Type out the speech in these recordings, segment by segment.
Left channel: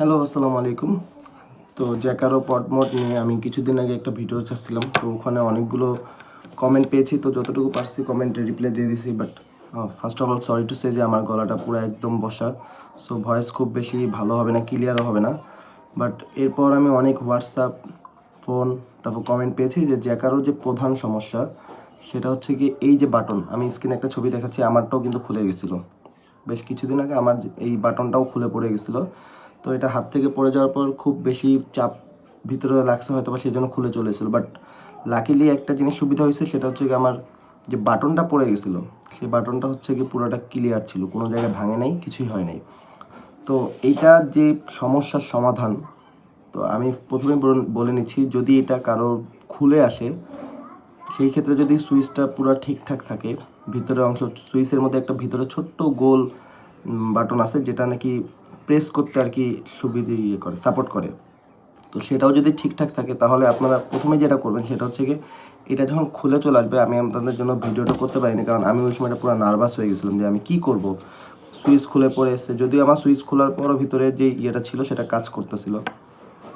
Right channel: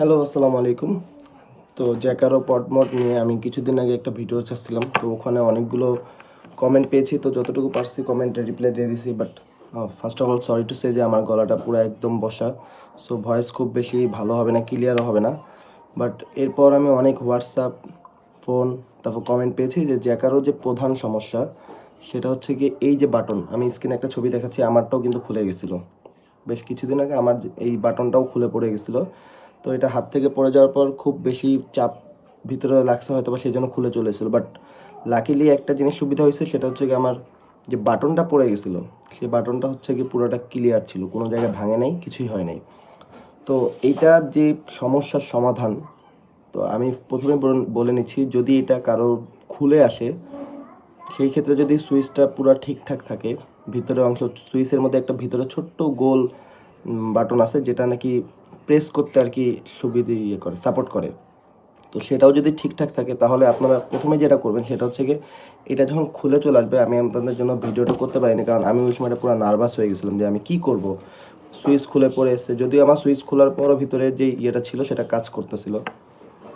Hello আসসালামু আলাইকুম। তো জ্যাকারো পডমোড নিয়ে আমি কিছুদিন আগে একটা ভিডিও ছাড়ছিলাম। তো ওখানে অনেকগুলো কমেন্ট পেয়েছি। তো যতটুকু পারছি কমেন্টে রিপ্লাই দিয়ে দিছি। But first of all sorry to say যে আমার গলাটা পুরো একদম বসা। সো ভয়েস খুব বেশি ভালো হবে না ক্লিয়ারও হবে না। বাট এরপর আমি অনেক হোয়াটসঅ্যাপ ফোন তারপর কমেন্ট পেয়েছি যে জ্যাকারো যে প্রধান সমস্যা, সেটা হচ্ছে কি এই যে বাটন আমি স্ক্রিনে একটা ছবি দেখাচ্ছি, আমারটাও কিন্তু খুলে গেছিল। বেশ কিছুদিন আগে আমার এই বাটনটাও খুলে পড়ে গেছিল। তো এটা হাত থেকে পড়ে যাওয়ার পর খুব বেশি চাপ ভিতরে লাগছে হয়তো বা সেই জন্য খুলে চলেছিল। বাট লাকিলি একটা জিনিস সুবিধা হয়েছে, সেটা হচ্ছে কি আমার যে বাটনটা পড়ে গেছিল, সেই বাটনটা হচ্ছে কি পুরোটা ক্লিয়ার ছিল। কোনো জায়গায় ভাঙে নাই, কিছুই হয় নাই। তো এইটা যে সমস্যার সমাধান, তো আমি প্রথমে বল- নিচ্ছি, যদি এটা কারও খুলে আসে, সেই ক্ষেত্রে যদি সুইচটা পুরো ঠিকঠাক থাকে, ভিতরের অংশ, সুইচের মধ্যে একটা ভিতরে ছোট্ট গোল বাটন আছে, যেটা নাকি প্রেস করতে আর কি সুবিধে ইয়ে করে সাপোর্ট করে। তো সেটাও যদি ঠিকঠাক থাকে, তাহলে আপনারা প্রথমে যেটা করবেন সেটা হচ্ছে কি এটা যখন খুলে চলে আসবে, আমি আপনাদের জন্য ভিডিওটা করতে পারিনি, কারণ আমি ওই সময়টা পুরো নার্ভাস হয়ে গেছিলাম যে আমি কি করব। সুইচ খুলে পড়ে এসছে, যদিও আমার সুইচ খোলার পরও ভিতরে যে ইয়েটা ছিল সেটা কাজ করতেছিল।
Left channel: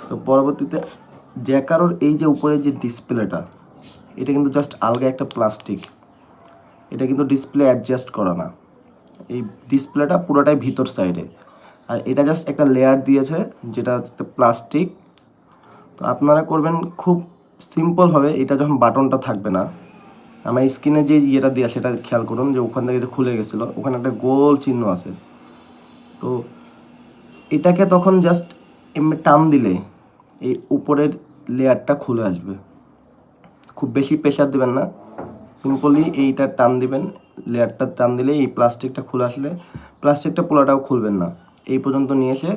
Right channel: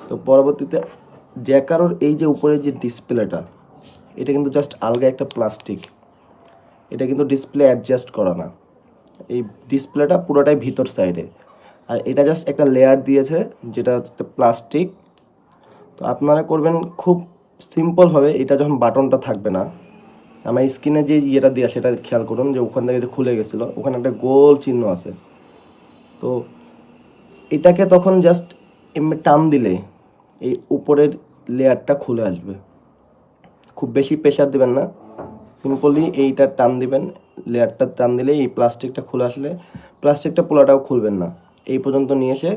তো পরবর্তীতে জ্যাকারোর এই যে উপরে যে ডিসপ্লেটা এটা কিন্তু জাস্ট আলগা একটা প্লাস্টিক এটা কিন্তু ডিসপ্লে অ্যাডজাস্ট করা না। এই ডিসপ্লেটা পুরোটাই ভিতর সাইডে আর এটা জাস্ট একটা লেয়ার দিয়েছে, যেটা একটা প্লাস্টিক তো আপনারা করবেন খুব সিম্পলভাবে এটা যখন বাটনটা থাকবে না, আমার স্ক্রিনে যে ইয়েটা দেওয়া সেটা খেয়াল করুন, যে ওখান থেকে খুলে গেছিল, ওখানে একটা গোল চিহ্ন আছে। তো এটাকে তখন জাস্ট এমনি টান দিলে এই উপরের লেয়ারটা খুলে আসবে। খুব বেশি প্রেশার দিবেন না সিম্পলি এইটা টান দিবেন, লেয়ারটা টান দিলে এই প্লাস্টিকটা খুলে আসলে প্লাস্টিকটা পোলাটাও খুলবেন না। এই পর্যন্ত নিয়ে এসে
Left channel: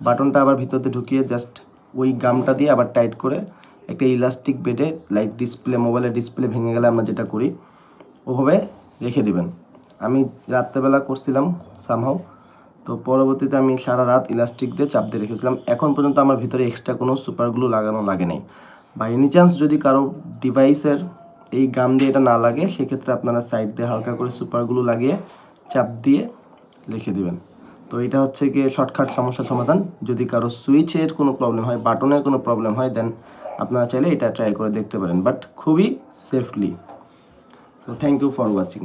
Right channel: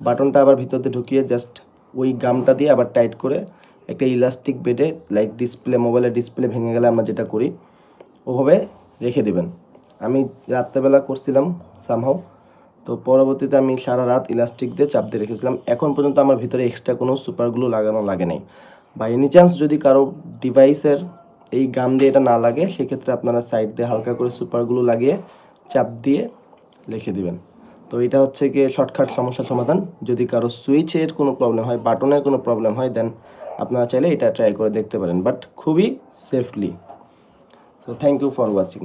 বাটনটা আবার ভিতরতে ঢুকিয়ে জাস্ট ওই গামটা দিয়ে আবার টাইট করে একটা ইলাস্টিক বেডে লাইক ডিসপ্লে মোবাইলের ডিসপ্লে ভেঙে গেলে আমরা যেটা করি, ওভাবে রেখে দিবেন। আমি রাত্রেবেলা করছিলাম সামহাও তো পরবর্তীতে আমি সারা রাত ইলাস্টিক দিয়ে চাপ দিয়ে রেখেছিলাম। এখন পর্যন্ত আমার ভিতরে এক্সট্রা কোনো সুপারগুলো লাগানো লাগে নাই। বা এনি চান্স যদি কারও ডিভাইসের এই গাম দিয়ে এটা না লাগে, সেক্ষেত্রে আপনারা সাইড দিয়ে হালকা করে সুপারগুলো লাগিয়ে চাপ দিয়ে লিখে দিবেন। তো এটা হচ্ছে গিয়ে শর্টকাট সমস্যার সমাধান। যদি কারও সুইচের কোনো প্রবলেম হয় বাটনের কোনো প্রবলেম হয় দেন আপনারা চাইলে এটা ট্রাই করে দেখতে পারেন বাট খুবই সেফলি তো থ্যাংক ইউ ফর ওয়াচিং